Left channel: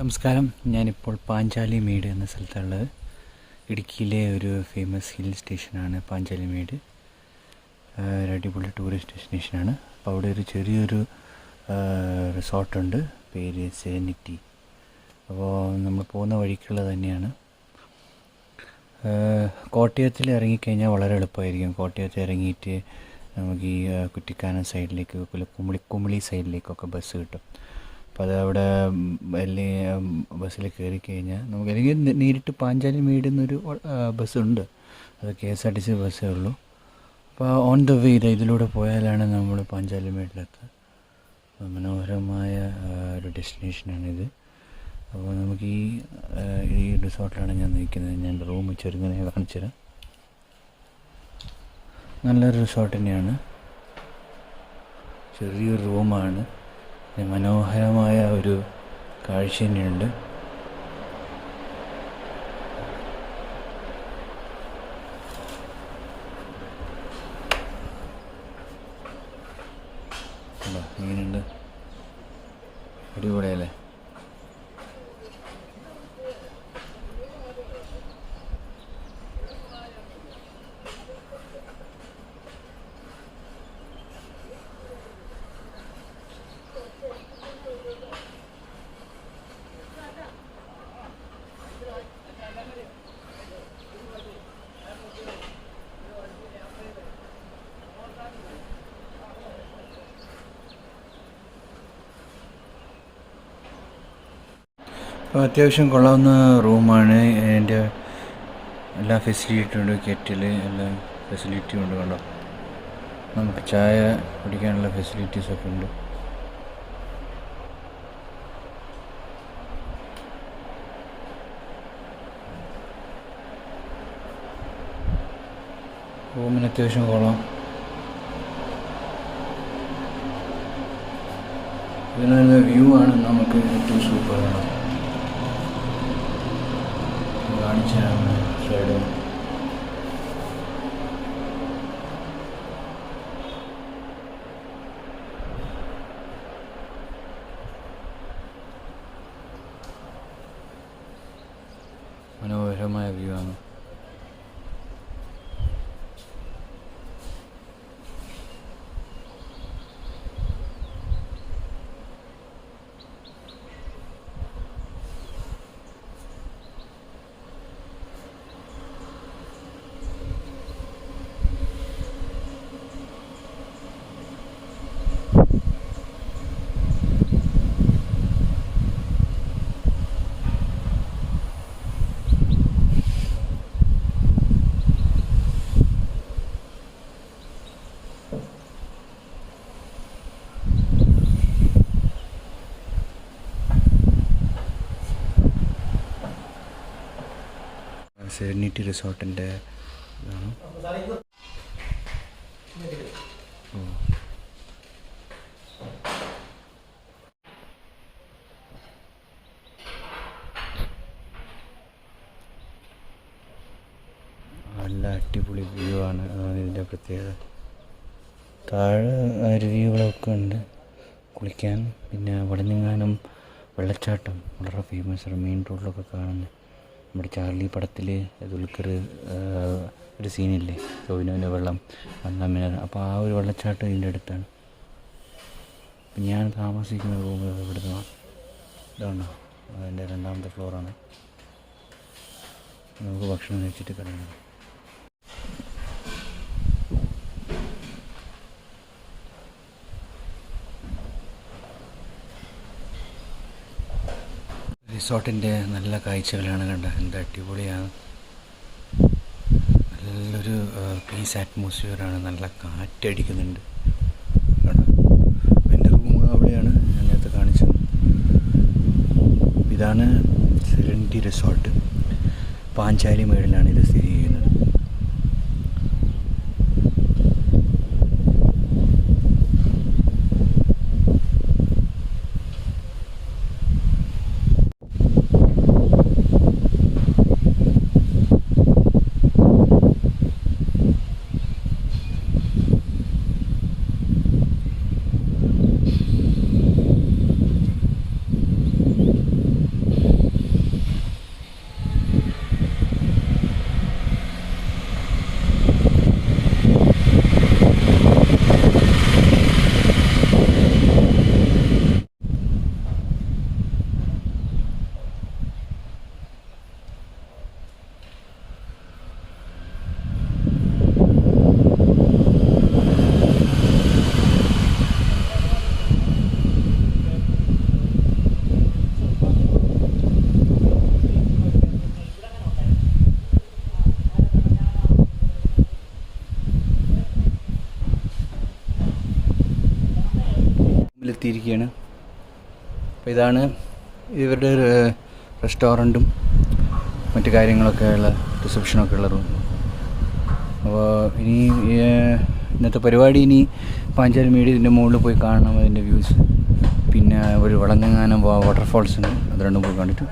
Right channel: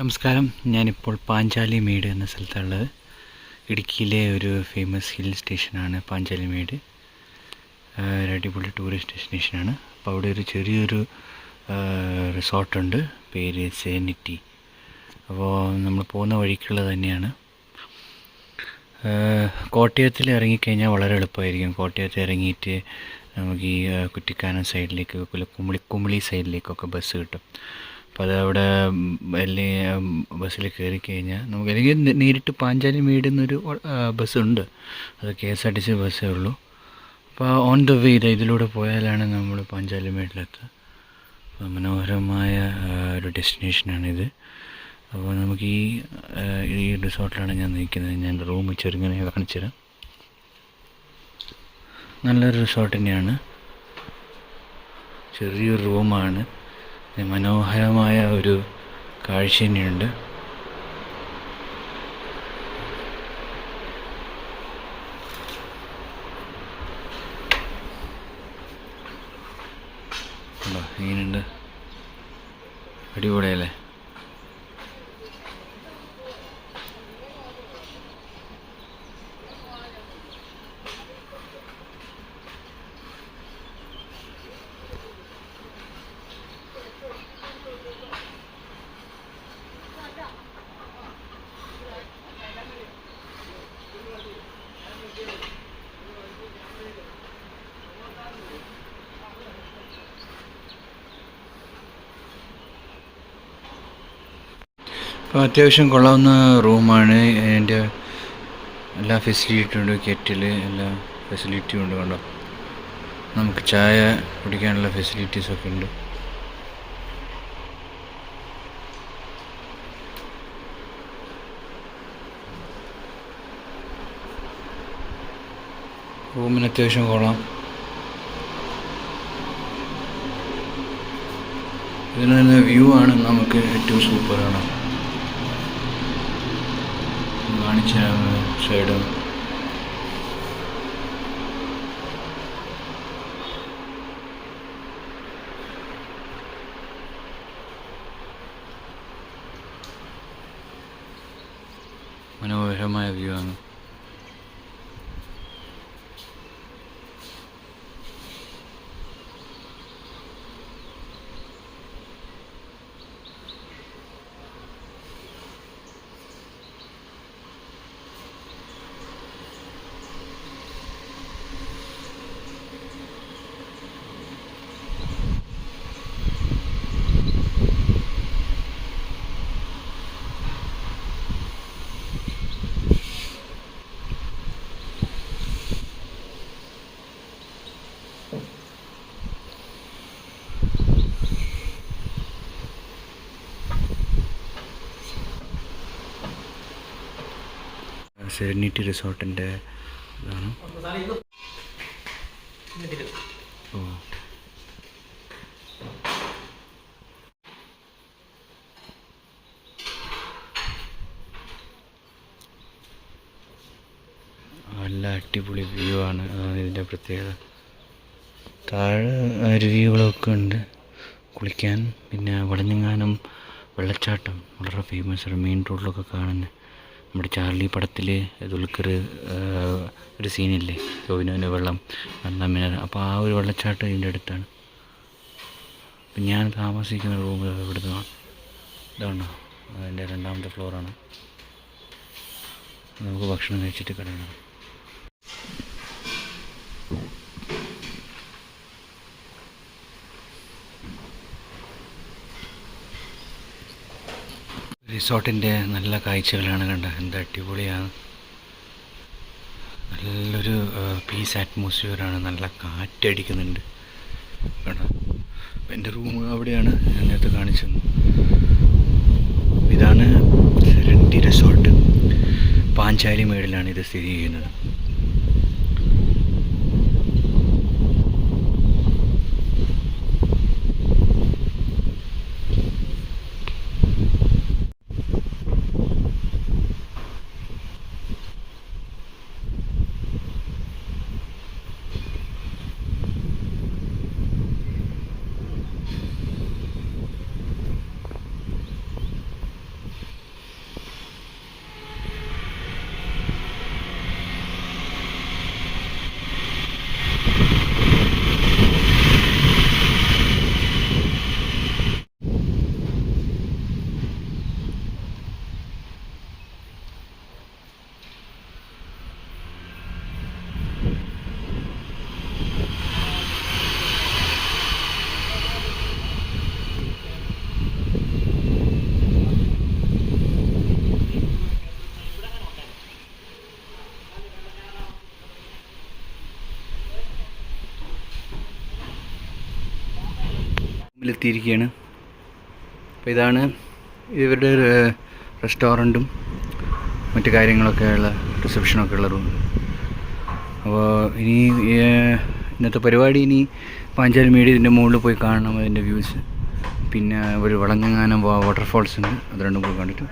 നമസ്കാരം. ഞാനിപ്പോൾ പാഞ്ചാലിമേട് എന്ന സ്ഥലത്തുള്ളത്. ഇടുക്കിയിലെ ഒരു ഫേമസ് ഹിൽ സ്റ്റേഷനാണ് പാഞ്ചാലിമേട്. ഒരു അടിപൊളി ടൂറിസ്റ്റ് ഡെസ്റ്റിനേഷനാണ്. അപ്പോൾ അവിടെ ഒരു ചെറിയൊരു റിസോർട്ടുണ്ട്, പേര് സെനിറ്റി. അപ്പോൾ നമ്മൾ പോകുന്ന വഴിക്കുള്ളത് തന്നെയാണ്. കോട്ടയത്തിൽ ഇറങ്ങിക്കഴിഞ്ഞാൽ വളരെ എളുപ്പമായിരിക്കും. കോട്ടയത്ത് ഇറങ്ങിയിട്ട് നമുക്ക് ഈ കുറ്റിക്കാനം സൈഡിലേക്ക്, കുമിളി സൈഡിലേക്കൊക്കെ ബസ് കിട്ടും. അപ്പോൾ അതവിടെ ബസ്സിൽ കയറി കഴിഞ്ഞാൽ നമുക്ക് അല്ലെങ്കിൽ നേരിട്ട് പാഞ്ചാലിമേട് എന്നൊരു ബസ്സുണ്ട്. അത് KSRTC ബസ്സേ ഉള്ളൂ. അപ്പോൾ ഓൺ ദ വേ ഇതിലൂടെ പോയാലാണ് നമ്മൾ പാഞ്ചാലിമേട്ടിലെത്തുക. മനോഹരമായ ഒരു ഡെസ്റ്റിനേഷനാണിത്. അപ്പോൾ നമുക്ക് ഈ റിസോർട്ടിലാണ് ഞാൻ നിൽക്കുന്നത്. ഞാൻ റൂം ചെറുങ്ങനെ കാണിച്ചു തരാം. നല്ലൊരു റിസോർട്ട് തന്നെയാണ്. ചെറിയൊരു റൂമാണ്. മനോഹരമായ ഒരു കാഴ്ച തന്നെയുണ്ട്. ഇങ്ങനെയുണ്ട്, അടിപൊളിയല്ലേ? അപ്പോൾ അത്യാവശ്യം കൊള്ളാവുന്ന റൂമാണ്. അതിൻ്റെ എല്ലാ ഫെസിലിറ്റിയും ഉണ്ട്. കെറ്റിൽ എല്ലാ ഫെസിലിറ്റിയും ഉണ്ട്. കണ്ടോ, നമുക്ക് ചായ കുടിക്കാനുള്ള ഫെസിലിറ്റീസൊക്കെ ഉണ്ട്. റൂമിന് അത്യാവശ്യം കൊള്ളാം. ഇതിൽ നിന്ന് വ്യൂ ആണ് നമുക്ക് ഏറ്റവും സൂപ്പറാണ്. കാണിച്ച സൈഡ് മനോഹരമായ വ്യൂ ആണ്. സെനിറ്റി റിസോർട്ടിൻ്റെ ഇതാണ്. നല്ല അടിപൊളി വ്യൂ ആണ്. ഇതിൻ്റെ പ്രത്യേകത. താഴെ അരുവികളൊക്കെ ഉണ്ട് കുളിക്കാൻ. പിന്നെ വടഞ്ഞങ്ങാനം വെള്ളച്ചാട്ടം വളരെ ഫേമസ് ആണ്. മെയിൻ റോഡിലൊക്കെ കാണുന്നത്. നമ്മുടെ ചാർലി പടത്തിൽ ദുൽഖർ ഒരു സീനില്ലേ, യോവിനോവിൻ്റെ വെള്ളം നന്നാ. അപ്പോൾ ആ ഒരു വെള്ളച്ചാട്ടം ഇതിൻ്റെ അടുത്താണ്. അപ്പം ഞാൻ താമസിക്കുന്ന റൂം ഇവിടുന്ന് ഇതാണോ, അതിൻ്റെ 2ാമത്തെ ഫ്ലോറാണ്. നമുക്ക് ഭക്ഷണം കഴിച്ചിട്ട് കിടക്കണം. റിസോർട്ടിൻ്റെ നല്ല കാഴ്ചകളാണ്. കണ്ട എന്ത് അടിപൊളിയാണ്. നല്ലൊരു പീസ് അറ്റ്മോസ്ഫിയറാണ്. നല്ല കാറ്റടിക്കുന്നുണ്ട്. കേട്ടോ, എൻ്റെ റൂം അവിടെയാണ് ഞാൻ നേരത്തെ കാണിച്ചത്. ഇതാണ് സെനിറ്റി റിസോർട്ട്. പാഞ്ചാലിമേടിലാണ് ഇത് സ്ഥിതി ചെയ്യുന്നത്. എത്തിയിരിക്കുകയാണ്. അപ്പോൾ ഇതാണ് ഇവരുടെ റെസ്റ്റോറൻറ്റും മറ്റു കാര്യങ്ങളൊക്കെ ഉള്ള റിസപ്ഷനൊക്കെ ഉള്ള റൂം. അപ്പോൾ ഇനി ഇന്നത്തെ പരിപാടി ഇനി പാഞ്ചാലിമേട് ഇതിൻ്റെ മുകളിൽ പോയി കാണണം, അതിൻ്റെ വ്യൂസ്. പിന്നെ ഒരു വളഞ്ഞങ്ങാനം വാട്ടർഫാൾസ് ഉണ്ട്, അത് രണ്ടും പോയി കണ്ടിട്ട്